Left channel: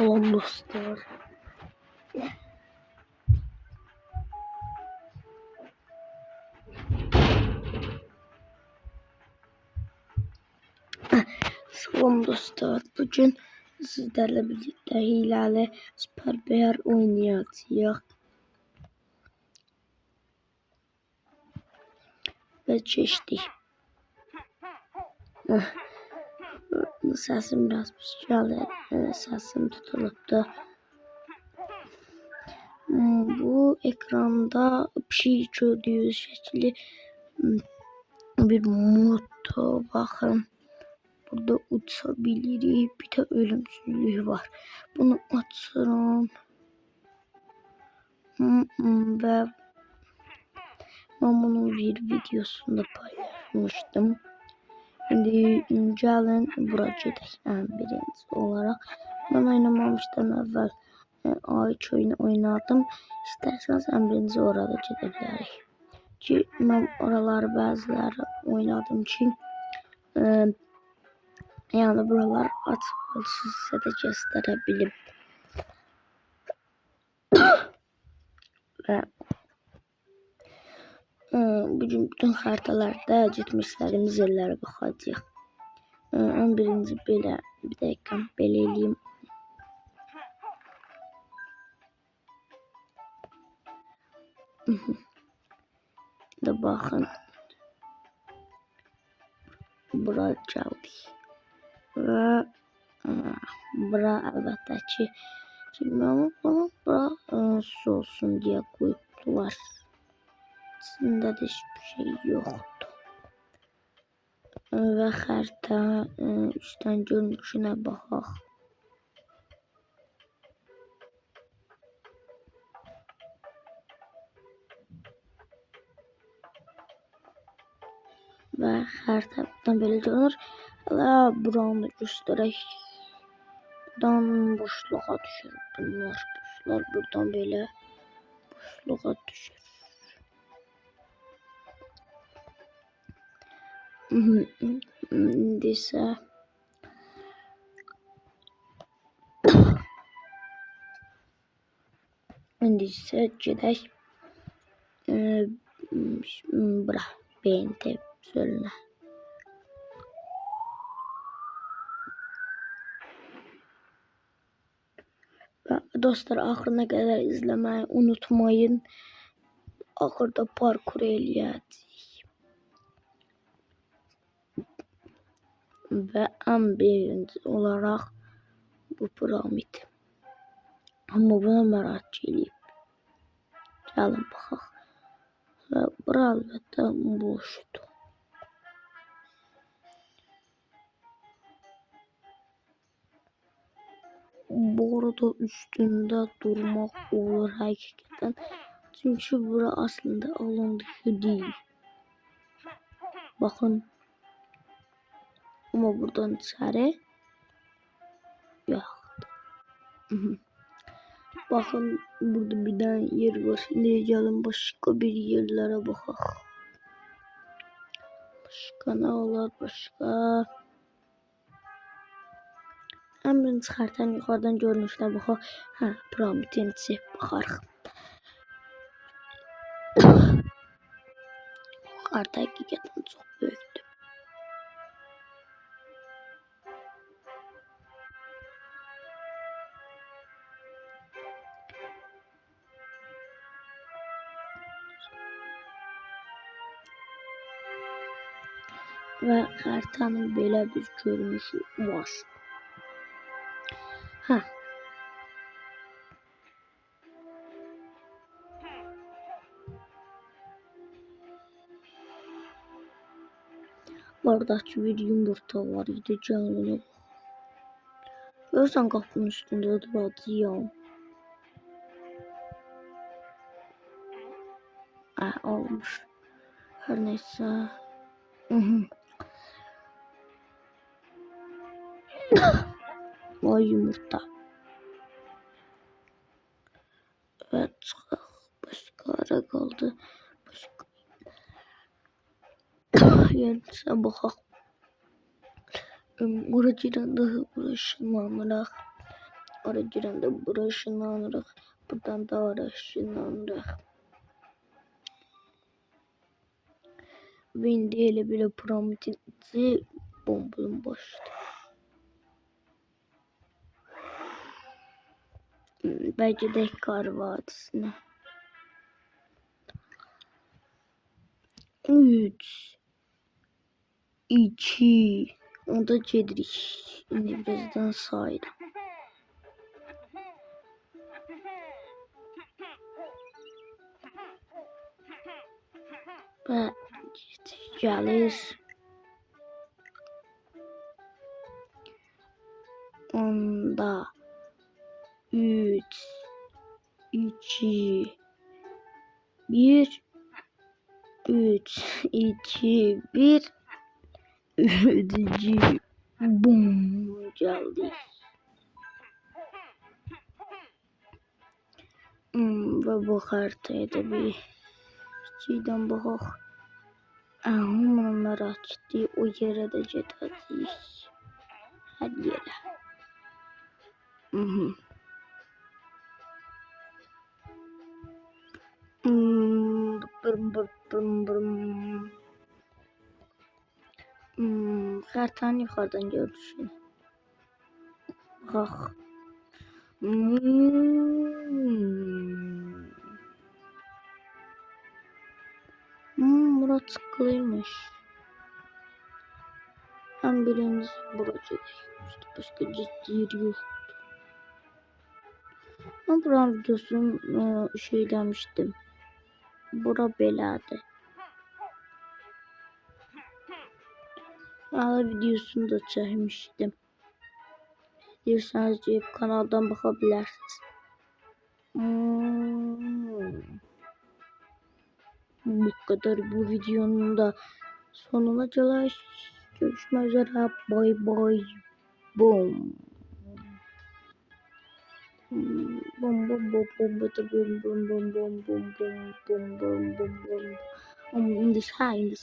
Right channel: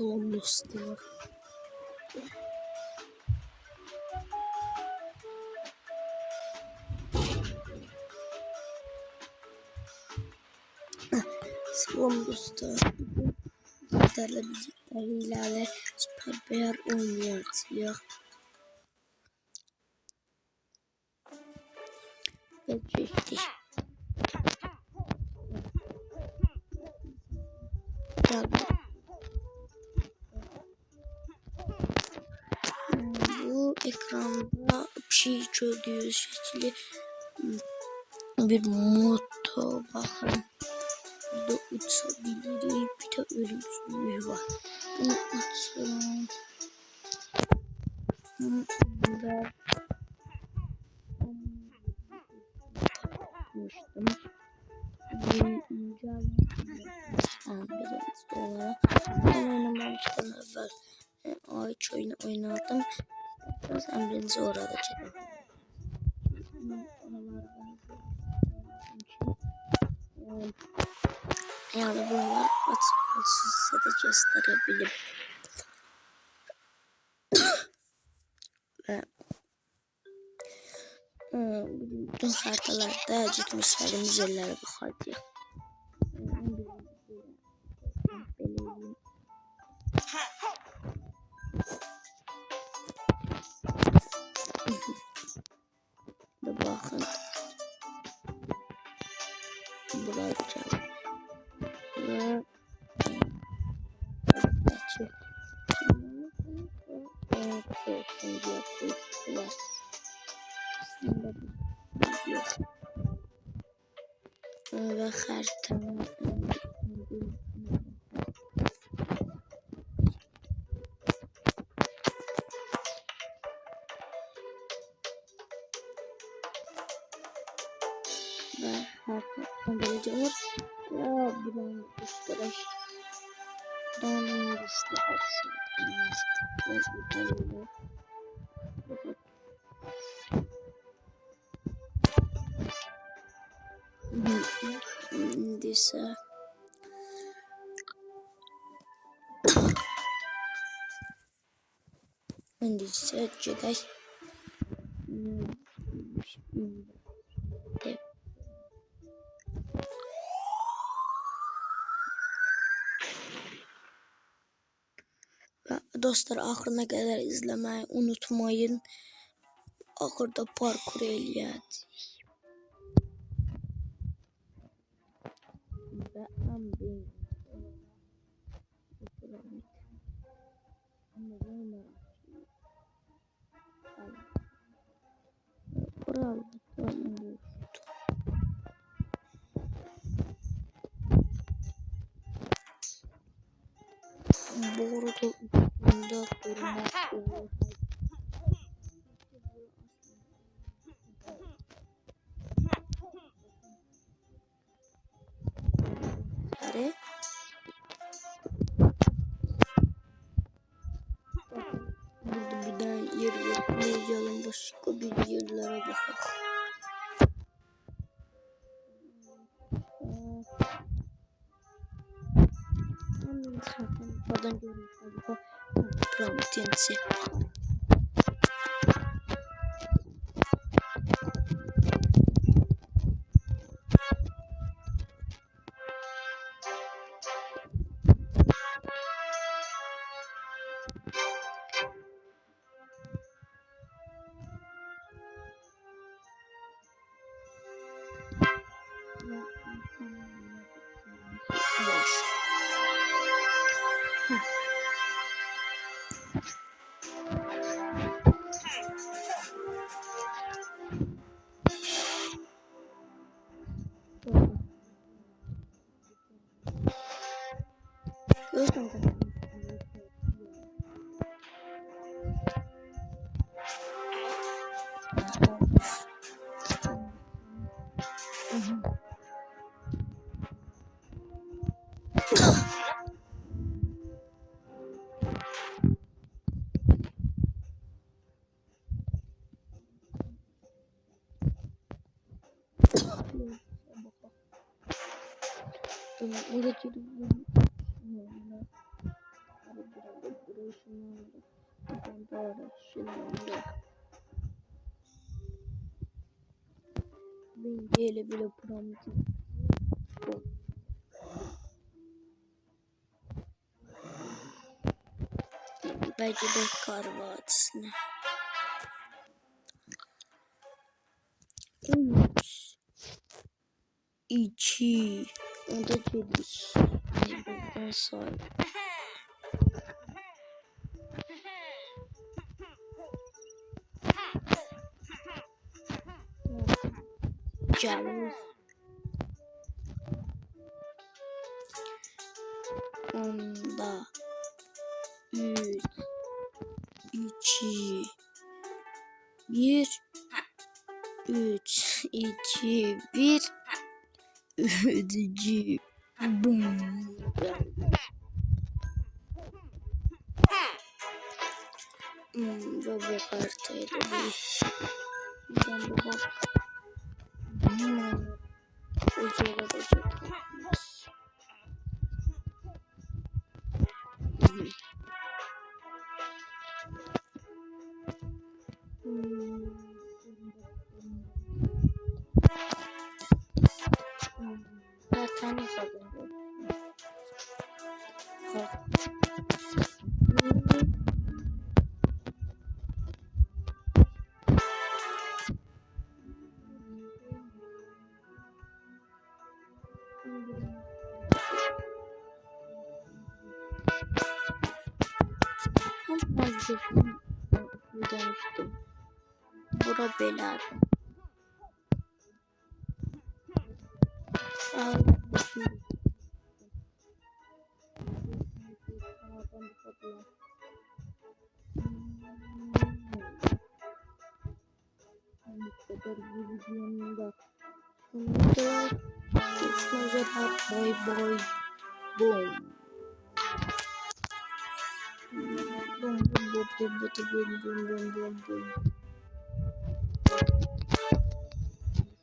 Salam dostlar. Salam dostlar. Bugün sizlerle birlikte hileli Super Bear oynayacağıq. Ve geçtik. Sesim biraz pişirəli. Sesim tutulubdu. Bu ekranda pişik gördüğünüz şekli bir moto. Bakın. Burada uçabiliriz. Bir de ölümsüzlüğü var. Bunu açıyorum. Ve ben bunun bir videosunda paylaşmıştım. Şimdi gelin buraya geçsem birinci olarak. Ben oynamamıştan evvel Ayç oyunu oynardım. İsterseniz en birinci orada gidebiliriz. Ki ben oraları bazıları oynadım ki yani buralar açık olsun, size de gösterebilirim. Ve bugün bütün haritalarda gitmişlerimiz yerlere bakacağıq. 11. belə bir dakika belə eləyim. De bakın. Buraya geldik. Ve bura əlbəttə ki bilmem ama bura su olsun diye koydular. Aslında da hiçbir şey yoktu. Ve harita üstten görünüşüne bakaq. Ve haritadan belə görünür. Və buranı göstərək. Buradan boşluğa düşür. Buradan böyle boşluğa düşür. İndi isə gedək bura beyində sölünə. Dostlar, axırına kadar izlemeyi unutmayın. Axırda parkur eləyəcəyik. Və ən birinci olaraq bu piramid. Amma buna merak eləyib. Gəlin baxaq. Və bura əlbəttə boşdur. Bu arada üstünde durmak olur hakikaten. Çünkü bura aslında alan dışı değil. Bakın. Ama buradan içeri yok. Bakın burada bir tane yer var. Nereye gelin başka bir yerlere bakalım. Başka ne olur başka? Hemen çıkartan yukarıdan görünüşler bakalım. Ha, piramidin içi bakarıq. Yukarıda hakikaten çok büyüktü. Ve haritanın böyle bir görünüşü var. Ha. Buradaki bir yumurta var idi canlı. Görsen kapının üstünde duracağım. Olmuş. Her neyse. Vay yumurta. Evet. Başka ara kaldı. Yerse bakaq. Buracıdan da başlamalaraq Ara girəndə bura ışınlanırıq. Buradan da ara ışınlanırıq. Və indi elə belə prometinizi bombalım başladı. Belki de Kar Vadisi'ne. 3 2 onda gedirik. İndi birazdan sayırım. Və gəlir. Onda 3 2 1 3 2 1 ödücü bum geldi. Ve bu haritayı da bir şeyden bakak. Onları açtı. O yere de getiriyoruz. Hadi yere. Haritanı yukarıdan görürsün. Kalk. Burası tıklıymış. Hem birimiz burası. İşte başka ciddi yok. Ben buranın videosunu şey demiştim. Bura belerdi. Videosunu da çekmiştim. İsterseniz gelip kanaldan bakabilirsiniz. Bu kadar bu videonun da sonuna kadar görüşmek üzere. Bye bye. Boom. Bum bum bum bum bum bum bum bum bum bum bum bum bum bum in the sky.